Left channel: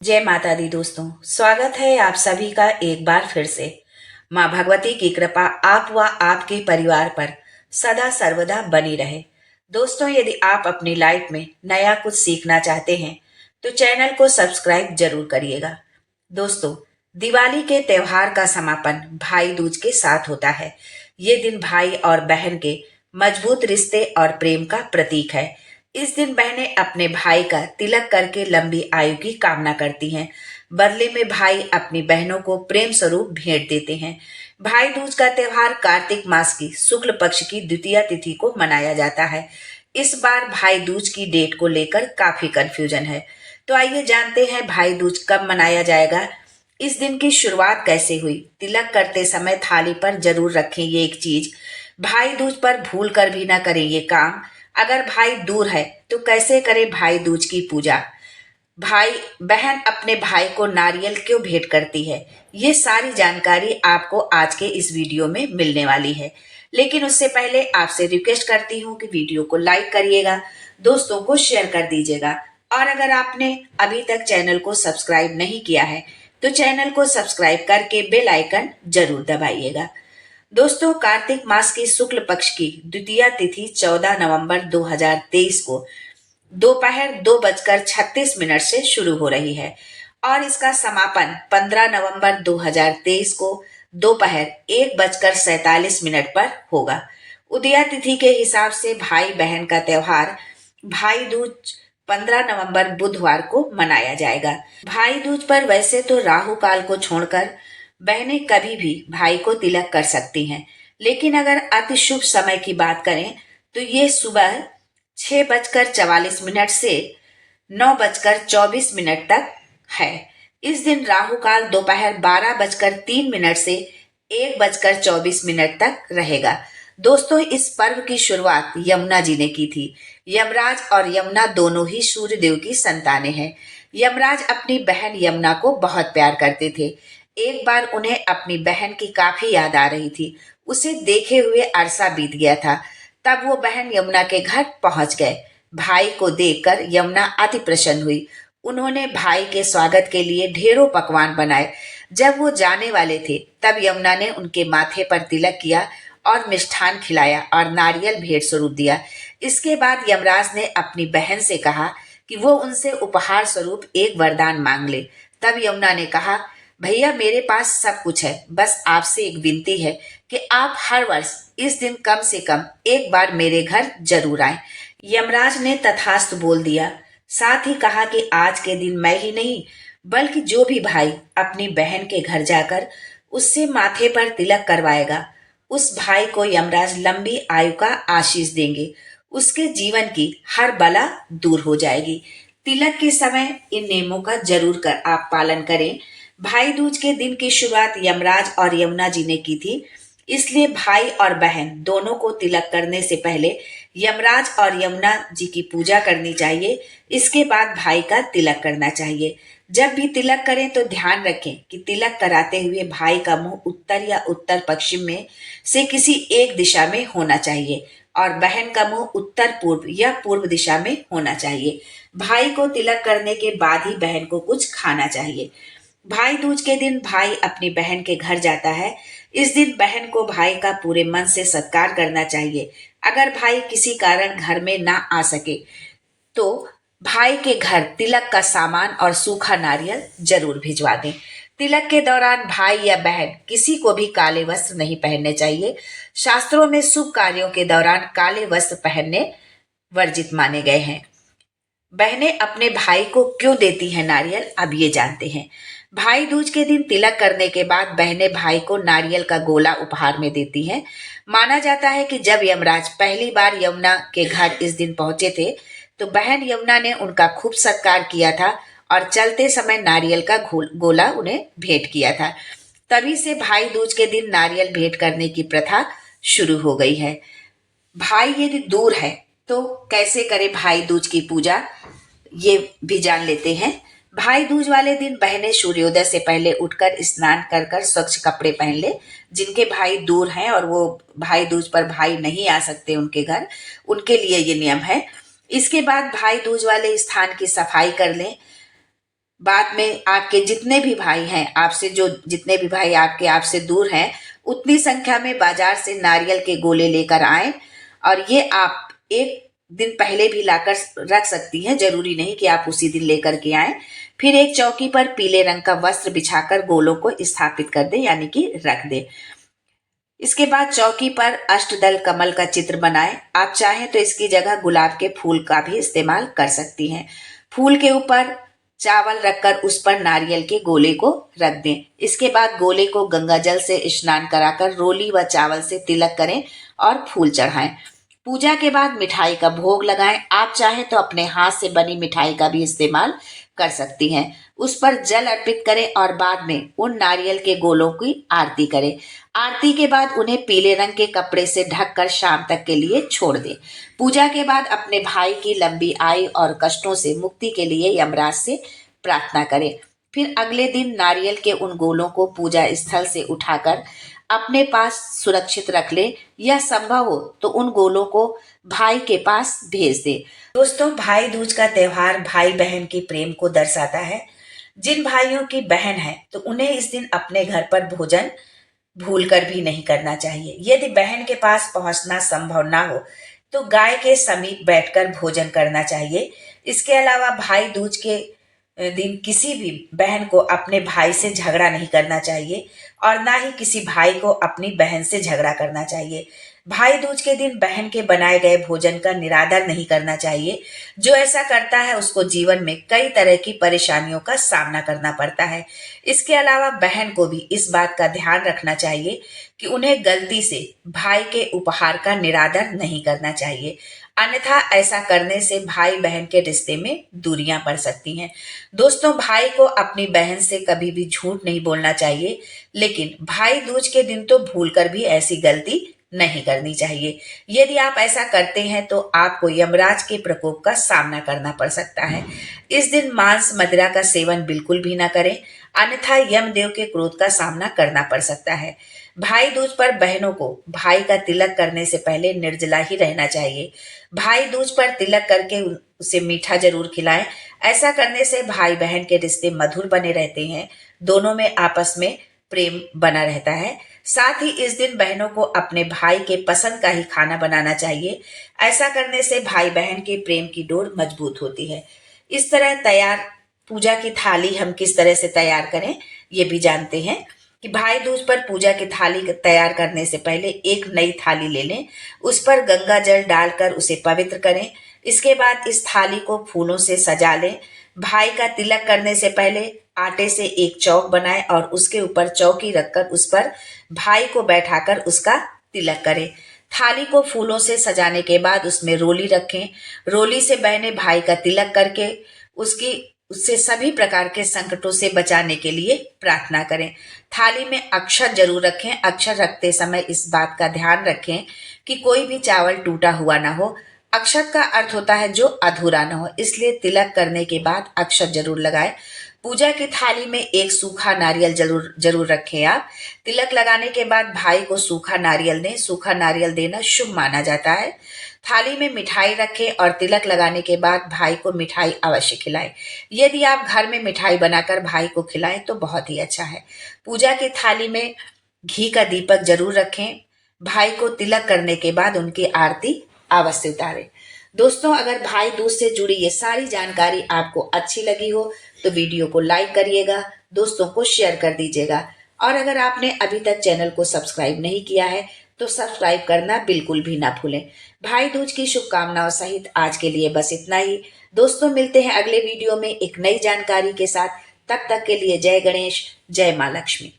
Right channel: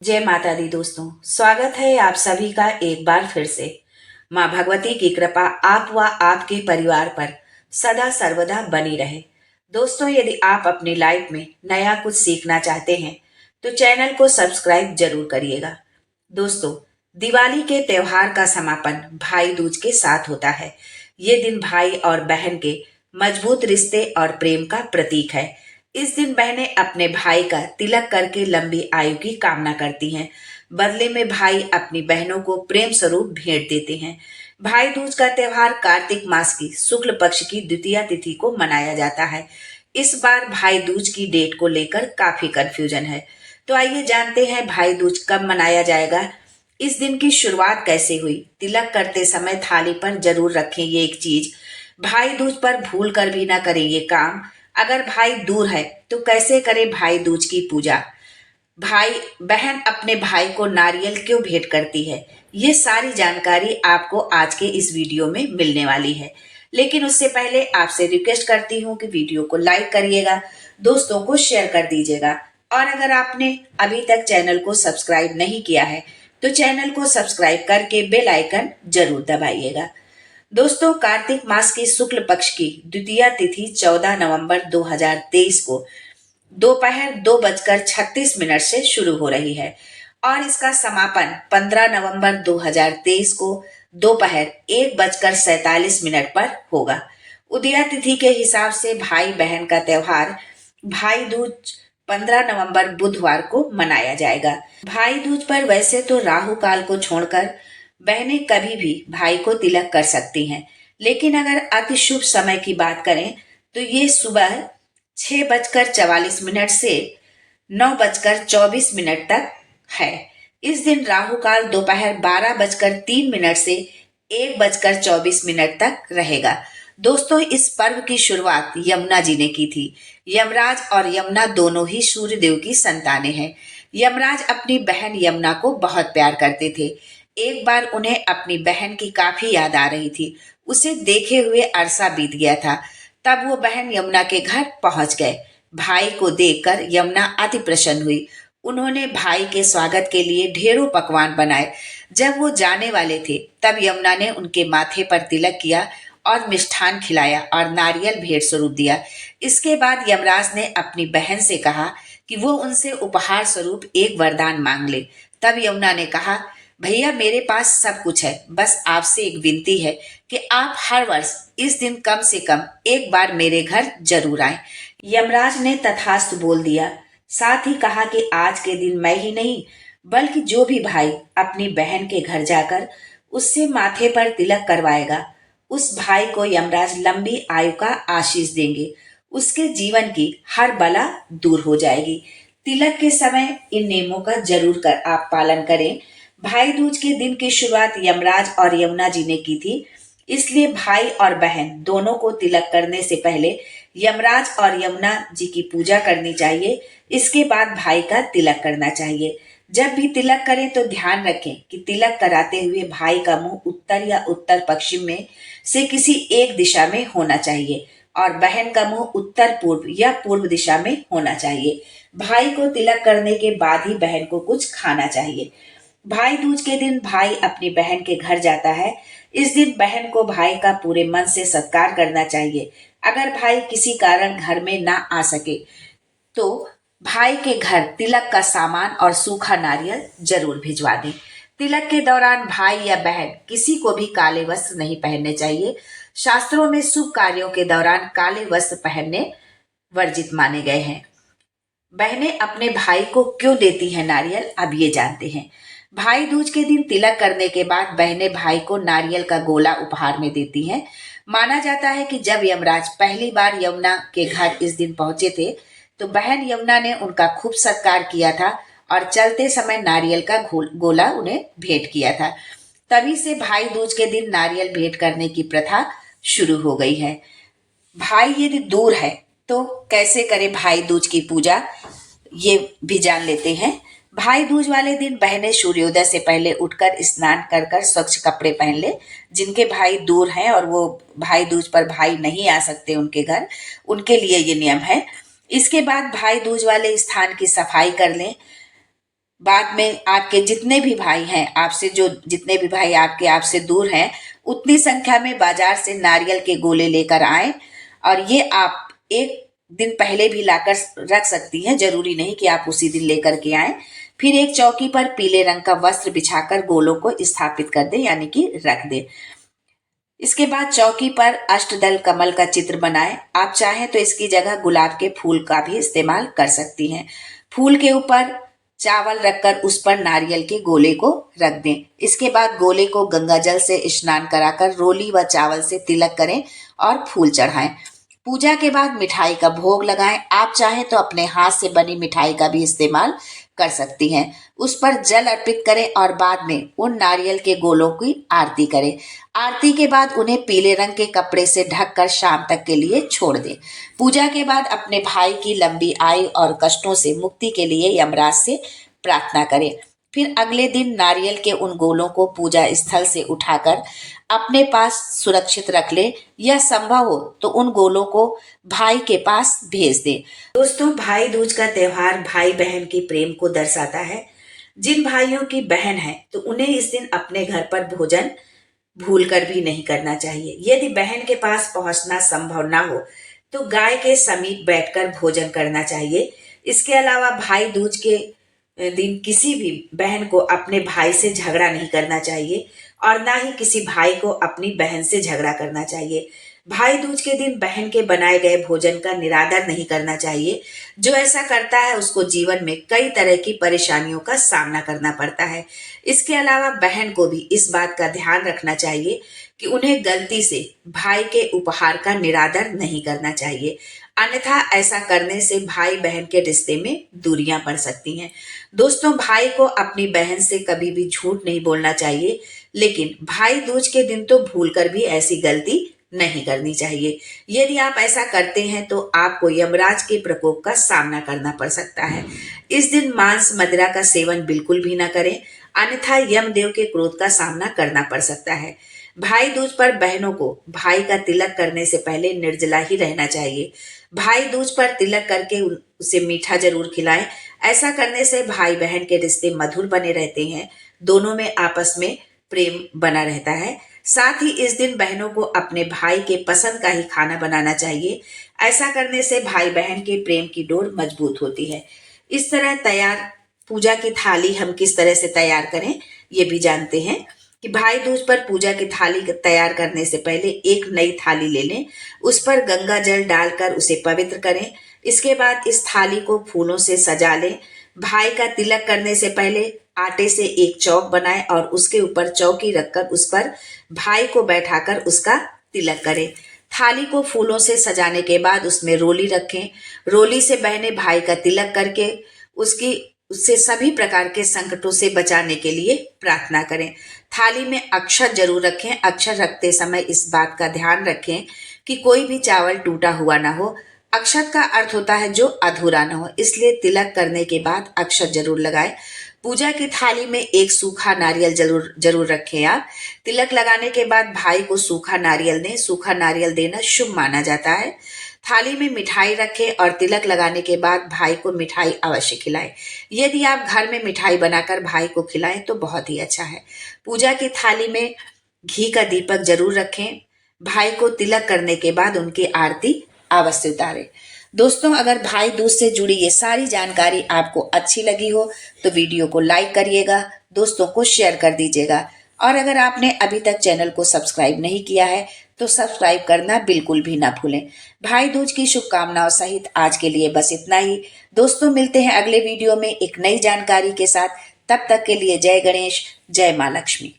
जय माता दी दोस्तों, स्वागत है आप सभी का एक बार फिर से। माँ भगवती की कृपा आप व आपके परिवार पर सदा सर्वदा बनी रहे। दोस्तों, यदि आप अपनी लाइफ में नया कुछ सीखना चाहते हैं तो चैनल को सब्सक्राइब जरूर करिएगा। दोस्तों, दिवाली के त्योहार का समापन भाई दूज के साथ होता है। ये दिन भाई और बहन के मजबूत रिश्ते और प्रेम का प्रतीक है। इस दिन बहनें अपने भाई का तिलक करके लंबी आयु की कामना करती हैं। बदले में भाई अपनी बहनों को प्रेम स्वरूप भेंट देते हैं। भाई दूज का त्योहार कार्तिक मास की शुक्ल पक्ष की द्वितीया तिथि को मनाया जाता है। इस बार भाई दूज की डेट को लेकर काफी कंफ्यूजन है। तो आइए जानते हैं भाई दूज कब मनाया जाएगा। इस दिन की शुरुआत कैसे हुई। तिलक करते समय थाली पर जरूर रखें ये एक चीज। भाई दूज पर भूल कर भी ना करें ये काम। अगर भाई दूर है तो कैसे करें भाई दूज की पूजा। भाई बहन अपने भाई को नारियल क्यों भेंट करती है, ये सारी जानकारी आपको आज के इस वीडियो में मिलने वाली है। लेकिन उससे पहले आपसे रिक्वेस्ट करती हूँ कि वीडियो को लाइक करिएगा, दोस्तों को शेयर कर दीजिएगा और अगर आपने अभी तक चैनल को सब्सक्राइब नहीं किया है तो चैनल को सब्सक्राइब करके बेल आइकन जरूर दबाइएगा। दोस्तों, कार्तिक मास की शुक्ल पक्ष की द्वितीया तिथि 14 नवंबर 2023 को दोपहर 2:36 से शुरू हो रही है और इसका समापन 15 नवंबर 2023 को दोपहर 1:47 पर होगा। उदया तिथि के हिसाब से भाई बहन का त्योहार भाई दूज 15 नवंबर बुधवार को मनाया जाएगा। भाई दूज पर वैसे तो राहु काल को छोड़कर बहनें कभी भी भाई को तिलक कर सकती हैं, लेकिन अगर अति शुभ समय की बात करें तो ये सुबह 6:44 से 9:24 तक है। इस दिन राहु काल दोपहर 12:03 से 1:24 तक रहेगा। दोस्तों, इस पर्व की शुरुआत यमुना जी ने की थी। यमराज और यमुना दोनों ही सूर्य देव की संतानें हैं। यमराज अपनी बहन यमुना को बहुत प्यार करते थे। एक बार उन्हें अपनी बहन की काफी याद आ रही थी। उसे देखे हुए अरसा बीत गया था। तब वो बहन यमुना के घर पहुंच गए। भाई को देखकर यमुना अति प्रसन्न हुई। उन्होंने भाई के स्वागत के लिए ढेरों पकवान बनाए। जब वो जाने वाले थे तब यमुना ने उनके माथे पर तिलक किया और मिष्ठान खिलाया और नारियल भेंट स्वरूप दिया। इसके बाद यमराज ने अपनी बहन से कहा कि वो उनसे उपहार स्वरूप एक वरदान मांग ले। तब यमुना ने कहा, भैया मेरे पास सब कुछ है, बस आपसे एक विनती है कि आप हर वर्ष इस दिन कम से कम एक बार मेरे घर जरूर आए। यमराज ने तथास्तु बोल दिया। साथ ही कहा कि आज के दिन मैं ही नहीं बल्कि जो भी भाई अपनी बहन के घर जाकर उससे माथे पर तिलक करवाएगा, उस भाई को यमराज लंबी आयु का आशीष देंगे। उसके जीवन की हर बला दूर हो जाएगी। तिलक के समय इन नियमों का जरूर कर आप पालन करें। भाई दूज के दिन की शुरुआत यमराज और यमुना जी ने की थी, इसलिए भाई और बहन दोनों को तिलक करने से पहले यमराज और यमुना जी की पूजा करनी चाहिए। इसके बाद भाई का तिलक करना चाहिए। जब भी तिलक करें तो ध्यान रखें कि तिलक कराते हुए भाई का मुंह उत्तर या उत्तर पश्चिम में से किसी एक दिशा में होना चाहिए और बहन का मुंह उत्तर पूर्व या पूर्व दिशा में होना चाहिए। भाई को तिलक करने के बाद ही बहन को कुछ खाना चाहिए। भाई दूज के दिन भाई अपनी बहन के घर जाता है। इस दिन बहन को भाई का पूरे मन से सत्कार करना चाहिए। अगर भाई किसी कारण घर में ना आ सके तो भाई के घर तिलक का सामान और सूखा नारियल जरूर भिजवा दें। तिलक के दौरान भाई या बहन किसी को भी काले वस्त्र नहीं पहनने चाहिए। शास्त्रों में शुभ कार्यों के दौरान काले वस्त्र पहनने वर्जित माने गए हैं। बहनें अपने भाई को क्यों देती हैं नारियल, अब ये जानते हैं। भाई दूज के दिन तिलक करने के बाद बहनें भाई को नारियल का गोला उपहार में देती हैं। माना जाता है कि जब यमराज पहली बार यमुना के घर इस दिन पहुंचे थे तो बहन यमुना ने उनका खूब सत्कार किया था और चलते समय नारियल का गोला उन्हें भेंट किया था। तभी से भाई दूज के दिन नारियल भेंट करने की प्रथा शुरू हो गई है। भाई यदि दूर है तो कैसे करे भाई दूज की पूजा, ये भी जान लेते हैं। भाई दूज वाले दिन बहनें सूर्योदय से पहले उठकर स्नान कर कर स्वच्छ कपड़े पहन ले। जिनके भाई दूर हैं और वो भाई दूज पर भाई नहीं आ सकते उनके घर, उनके लिए ये नियम है। इसके बाद भाई दूज वाले स्थान की सफाई कर लें। बाद में आपके जितने भी भाई हैं आपसे, जो जितने भी भाई आपसे दूर हैं, उतनी संख्या में बाजार से नारियल के गोले लेकर आएं। और ये आप एक दिन पहले भी लाकर रख सकती हैं, जरूरी नहीं कि आप उसी दिन लेकर के आएं। फिर एक चौकी पर पीले रंग का वस्त्र बिछाकर गोलों को स्थापित कर दें, यानी कि रख दें। इसके बाद चौकी पर अष्टदल कमल का चित्र बनाएं। आप चाहें तो इसकी जगह गुलाब के फूल का भी इस्तेमाल कर सकती हैं। फूल के ऊपर चावल रखकर उस पर नारियल के गोले को रख दें। इसके बाद गोले को गंगा जल से स्नान कराकर रोली व चावल से तिलक करें और फूल चढ़ाएं। पूजा के बाद मिठाई का भोग लगाएं। आप चाहें तो अपने हाथ से बनी मिठाई का भी इस्तेमाल कर सकती हैं। उस पर जल अर्पित करें और बाद में उन नारियल के गोलों की आरती करें। आरती के बाद उन्हें पीले रंग के कपड़े से ढककर शाम तक के लिए छोड़ दें। पूजा के बाद अपने भाई की लंबी आयु और कष्टों से मुक्ति के लिए यमराज से प्रार्थना करें। फिर अगले दिन नारियल के उन गोलों को पूजा स्थल से उठाकर अपने पास सुरक्षित रख ले, या संभव हो तो उन गोलों को भाई के पास भेज दे। दोस्तों, भाई दूज का त्योहार भाई बहन के प्रेम को दर्शाता है। जिन भाइयों की बहन है तो उन्हें इस दिन अपने घर पर भोजन भूल कर भी नहीं करना चाहिए। यदि बहन के पास पहुंचना संभव ना हो तो गाय के समीप बैठकर भोजन करना चाहिए। इसके अलावा भाई दूज के दिन किसी भी बहन को अपने भाई से झगड़ा नहीं करना चाहिए और ना ही किसी भाई को अपनी बहन से झगड़ा करना चाहिए। भाई दूज के दिन बहन के बनाए गए भोजन का निरादर नहीं करना चाहिए। जो ऐसा करता है उसको जीवन में कई तरह की परेशानियों का सामना करना पड़ता है। इसके अलावा बहन को भी इस बात का ध्यान रखना चाहिए कि उन्हें गलती से भाई के उपहार का निरादर नहीं करना चाहिए, अन्यथा ऐसा करने से भाई बहन के रिश्ते में दूरियां पड़ सकती हैं। दोस्तों, भाई को अपनी बहन से कभी भी झूठ नहीं बोलना चाहिए, लेकिन भाई दूज के दिन तो भूलकर भी ऐसी गलती नहीं करनी चाहिए। यदि आप ऐसा करते हैं तो आपको यमराज के प्रकोप का सामना करना पड़ सकता है। इस दिन मांस मदिरा का सेवन बिल्कुल भी ना करें, अन्यथा यमदेव के क्रोध का सामना करना पड़ सकता है। भाई दूज पर बहनों को भाई का तिलक करने से पहले निर्जला ही रहना चाहिए। भाई दूज पर तिलक करके उसे मीठा जरूर खिलाएं। ऐसा करने से भाई बहन के रिश्ते मधुर बने रहते हैं, दोनों में आपस में प्रेम बना रहता है। साथ ही इस दिन बहनों को अपने भाई के पसंद का ही खाना बनाना चाहिए। ऐसा करने से भाई बहन के प्रेम की डोर मजबूत होती है। इस तरह तैयार पूजा की थाली हम किस तरह से तैयार करें ये भी जानते हैं कि भाई दूज पर पूजा की थाली तैयार करने से पहले एक नई थाली ले लें, उस पर गंगा जल डालकर उसे पवित्र करें। इसके बाद इस थाली को फूलों से सजा लें। भाई का तिलक करने से पहले आटे से एक चौक बनाएं और उसके ऊपर चौकी रखकर उस पर भाई को बैठाकर उसका तिलक करें। थाली को फूलों से सजाने के बाद उसमें रोली रखें। रोली से बहने भाई का तिलक करके उससे सभी प्रकार के संकटों से बचाने के लिए प्रार्थना करें। थाली में अक्षत जरूर रखें। अक्षत रखते समय इस बात का ध्यान रखें कि कोई भी चावल टूटा हुआ ना हो। अक्षत का अर्थ होता है जो अधूरा न हो, इसलिए तिलक करने के बाद अक्षत जरूर लगाएं। पूजा की थाली में एक सूखा नारियल जरूर जरूर रखें। आप तिलक लगाने के बाद भाई को सूखा नारियल दें। सूखा नारियल देना शुभ माना जाता है। थाली में मिठाई रखें और तिलक लगाने के बाद भाई को मिठाई अवश्य खिलाएं। यदि आप घर में मिठाई बनाकर भाई को खिलाएं तो बहुत ही अच्छा है। पूजा की थाली में घी का दीपक जरूर रखें। भाई को तिलक करने के बाद उनकी आरती अवश्य उतारें। दोस्तों, अगर भाई दूज से जुड़ी ये सारी जानकारी आपको अच्छी लगी हो तो वीडियो को लाइक करिएगा, दोस्तों को शेयर कर दीजिएगा, और अगर आपने अभी तक चैनल को सब्सक्राइब नहीं किया है तो सब्सक्राइब करना बिल्कुल भी ना भूलें। भाई दूज की शुभकामनाओं सहित आज के लिए बस इतना ही। दोस्तों, मिलते हैं अगले वीडियो में एक नई जानकारी के साथ। तब तक के लिए जय गणेश, जय माँ लक्ष्मी।